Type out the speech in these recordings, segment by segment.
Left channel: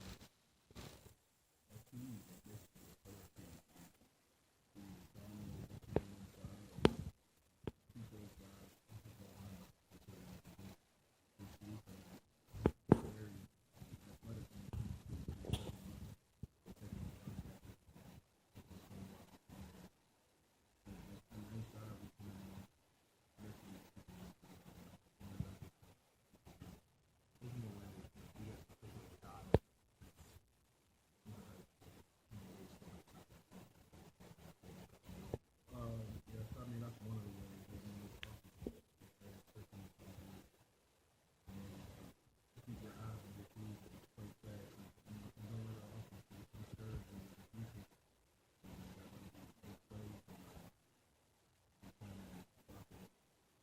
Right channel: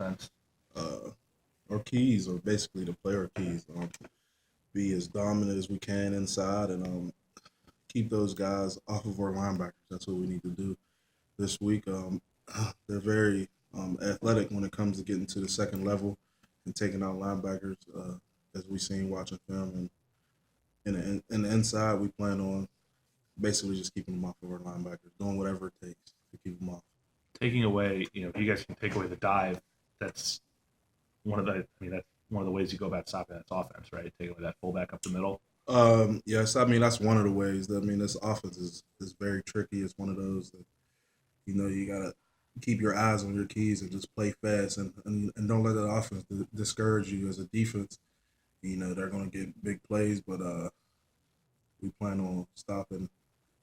offense? Uh, our keys are basically to play our keys. Be as dominant as we can inside and keep those guys off of our linebackers. That's what we need to do this week. They're very athletic when it comes to getting to the second level and taking out linebackers, as we've seen watching film. And in the inside, we plan on basically just keeping them off of our linebackers, doing whatever it takes to keep them off. Taking away, if you guys can take away the dive, that's that's one of the ways you go about stopping that offense, right? Take away that fullback up the middle. Yes, I mean that's one of the ways. I mean, this offense is very tricky. It's one of those that you gotta keep your eyes on your keys and just play fast and don't let the offense discourage you as a defense. They're gonna get big plays, but we plan on stopping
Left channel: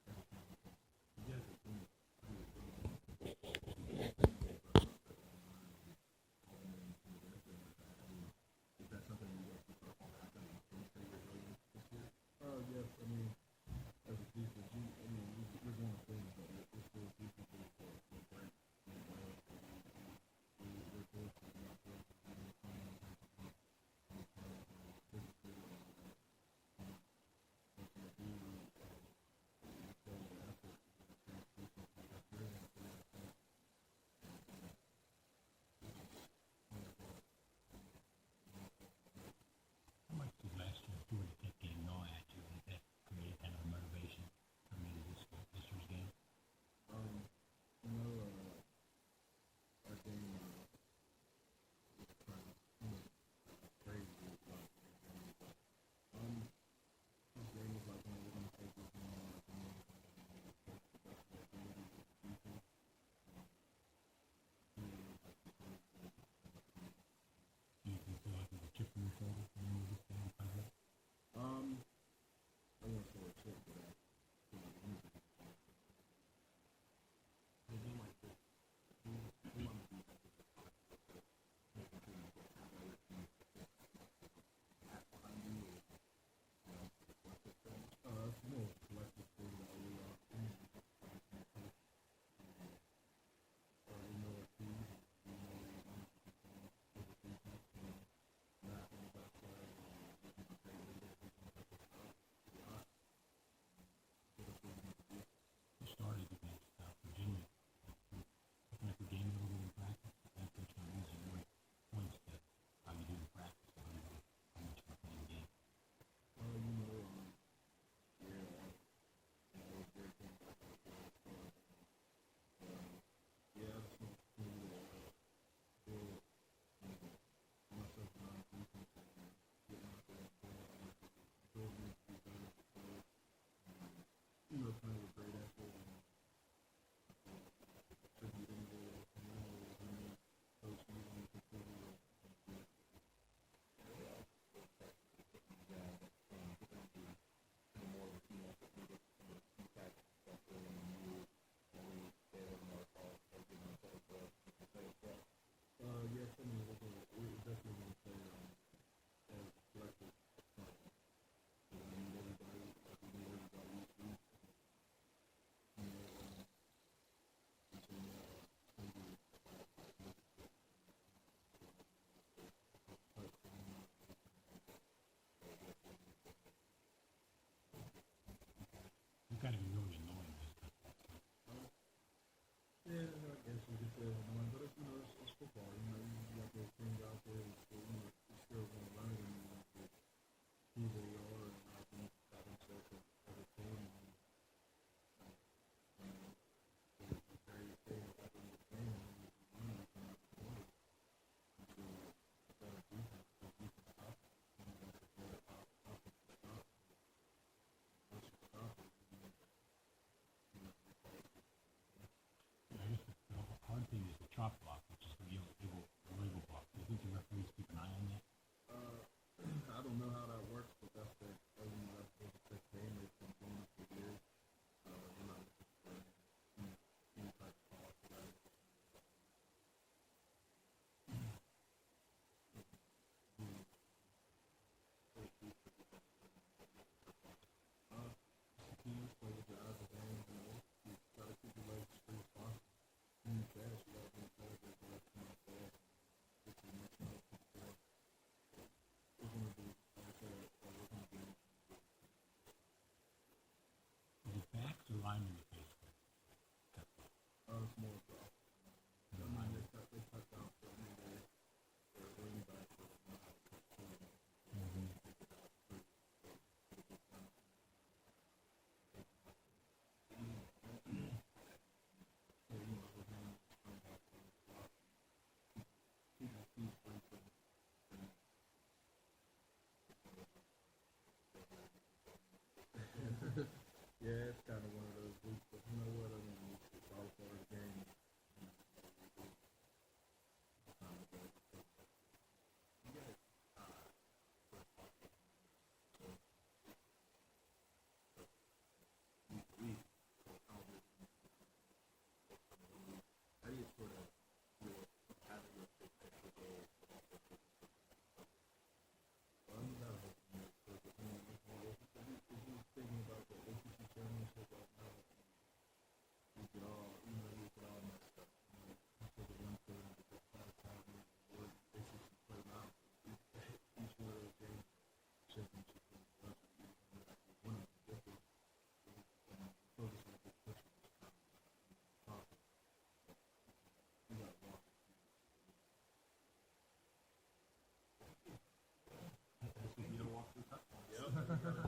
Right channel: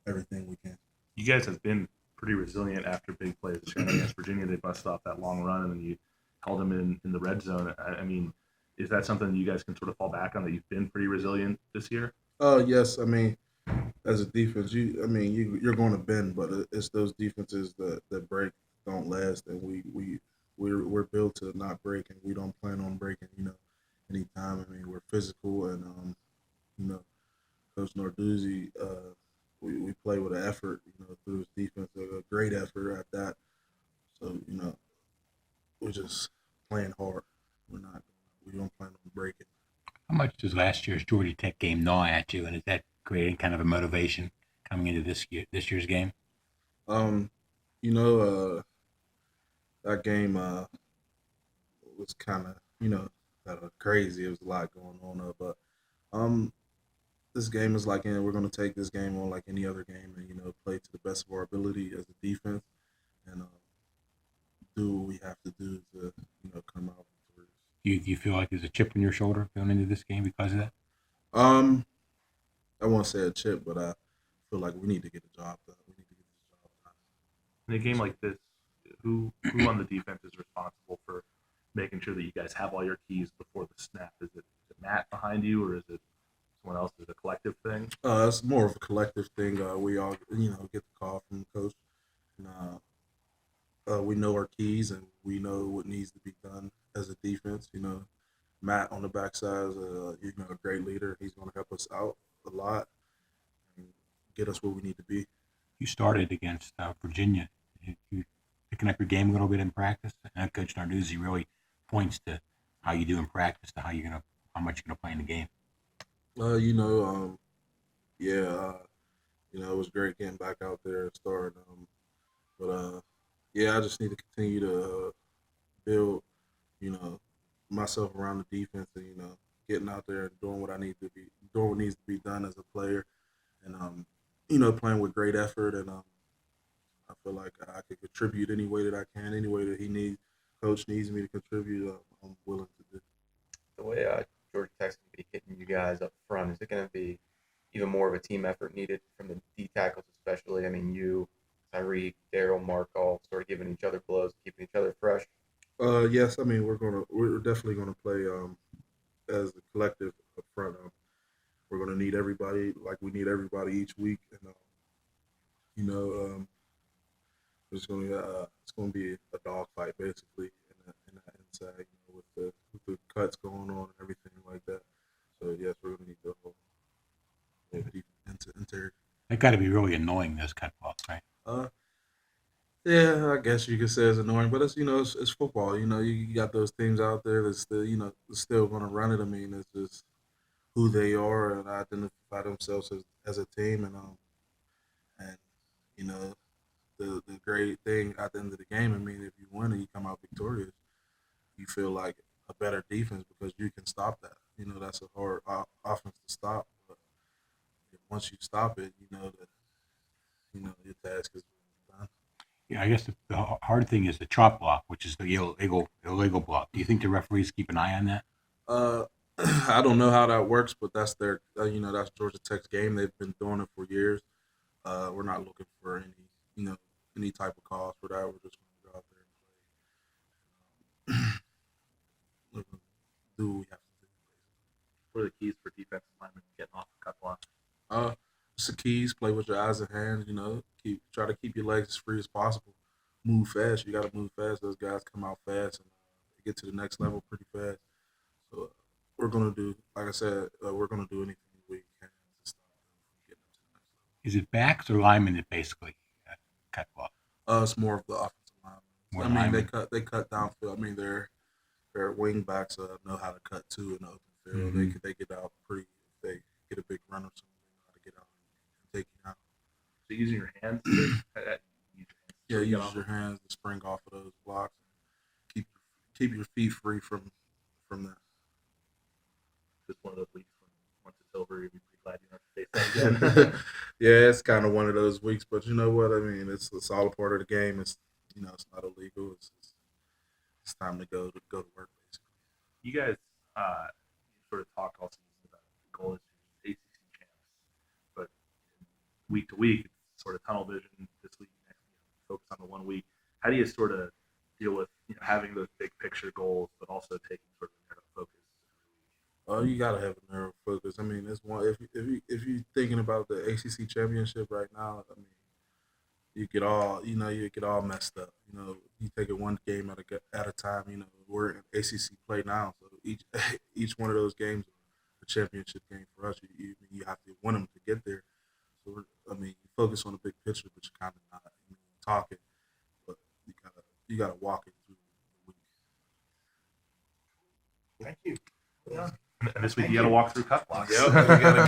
everything we can. You guys have been pretty resilient after big plays. Against Virginia, they busted off that long run, and then you held them in the red zone. I mean, is that something that you guys can sort of fall back on, that you've been pretty resilient this year? Yes. I mean, as a defense, you're going to bend, but it's those defenses that break don't last, and we're built to not break, and we don't plan on breaking. Anytime. I mean, we're physical, and you know, Coach Narduzzi, we play with an effort, through his defense, a great effort at that. So we're just playing hard. We don't plan on breaking. How much does last year's Georgia Tech game gnaw at you, and is that creating kind of a motivation coming into this year's game? Um, you know, that game was kind of crazy. It was a lot going on, but um, this game is like, we're going to take this game on like any other game, and play to the best of our ability as a defense, and do what we have to do to come out victorious. Do you feel like there's a chip on your shoulder going into this game because of that? Um, I won't say a chip, but I feel like we need to get the job done. We need to get this job done. In a game like this, who on the defense is responsible for making sure that you guys have all your keys before the snap? Is it Matt behind you, or is it someone else? Is it a collective thing? It's more of a collective thing. We all, get the call from the coach, and we know our keys, and we know what needs to be done as a defense. Matt on the backside is a great leader. He's going to help us out a lot and get us where we need to be. You started against Virginia. You picking up your game a little bit in practice, and Coach Narduzzi really points to how you do in practice to how much you're gonna play in the game. Yeah, it was great getting back out there and starting. But yeah, I just need to continue to build, you know, myself around the defense, and getting out there and doing what I need to be, doing what needs to be done as a player, and playing with great effort, and I feel like I could contribute any way that I can, any way that coach needs me to contribute. I'm willing to do. The way Georgia Tech's going to be hitting you guys up front, is it going to be even more of a team effort needed from the D tackles, especially? I mean, you, Tyreek, Daryl, Mark, all sort of giving each other blows, keeping each other fresh. Yes, I mean we're definitely gonna play as a collective up front. We're gonna need everybody, like we need everybody each week, and you know it's gonna be a dog fight basically in the inside, with the cuts going on and everything like that. So yes, we're gonna need the whole interior. That got to be really annoying, those cut balls, right? Uh, Yeah, I guess you could say it's annoying, but it's football. You got those teams out there that's still going to run it. I mean, it's just who they are and identify themselves as a team, and you know the great thing at the end of the game. I mean, if you win and you come out victorious, you feel like a better defense because you can stop that. That's a hard offense to stop, but once you stop it, that your task is done. Yeah, I guess the hard thing is the chop block, which is the illegal block. Do you think the referees keep an eye on that? Uh, I don't know how that works, but that's their, that's Georgia Tech's game. They've been doing it for years. We're not looking for any type of cause for that. We're just going to go out there and we're gonna do what we have to do. What are the keys for defensive linemen getting off the cut block? Uh, it's the keys. Play with your eyes and hands. Try to keep your legs as free as possible. Move fast. You got to move fast. Those guys come out fast, and get to the next level pretty fast. So we're gonna do, like I said, we're gonna do anything we can to stop them from getting them to the next level. Is it backs or linemen that basically cut off? It's more of the offensive linemen. More I mean, linemen. they cut downfield. I mean, their wing backs know how to cut too in the open field. Mhm. They get out pretty. They get a big run or something. They know how to get out and take you out. So using your hands, Yeah, get use off. your hands to spring off of those blocks and keep your feet free from that. Just one of those weeks when once it's over, you'll be pretty glad you don't have to face that again. Yeah, it's kind of one of those weeks, but you know what? I mean, it's all a part of the game. It's it's not illegal. It's time to go to work. Basically. You guys sort of talk all season about the goal is to ACC champs, but week to week, it's sort of tunnel vision. This week, next week, focus on the 1 week. How do you sort of deal with having those big picture goals, but also taking sort of narrow focus? You gotta have a narrow focus. I mean, it's one if you thinking about the ACC championship right now. I mean, you get all messed up. You take it one game at a time. We're in ACC play now, so each one of those games is a championship game for us. You have to win them to get there. So you focus on the big picture, but you're kind of not. Talking, but you gotta walk it through the week. Thank you. And this week, you got to walk through cut blocks. Yep, you gotta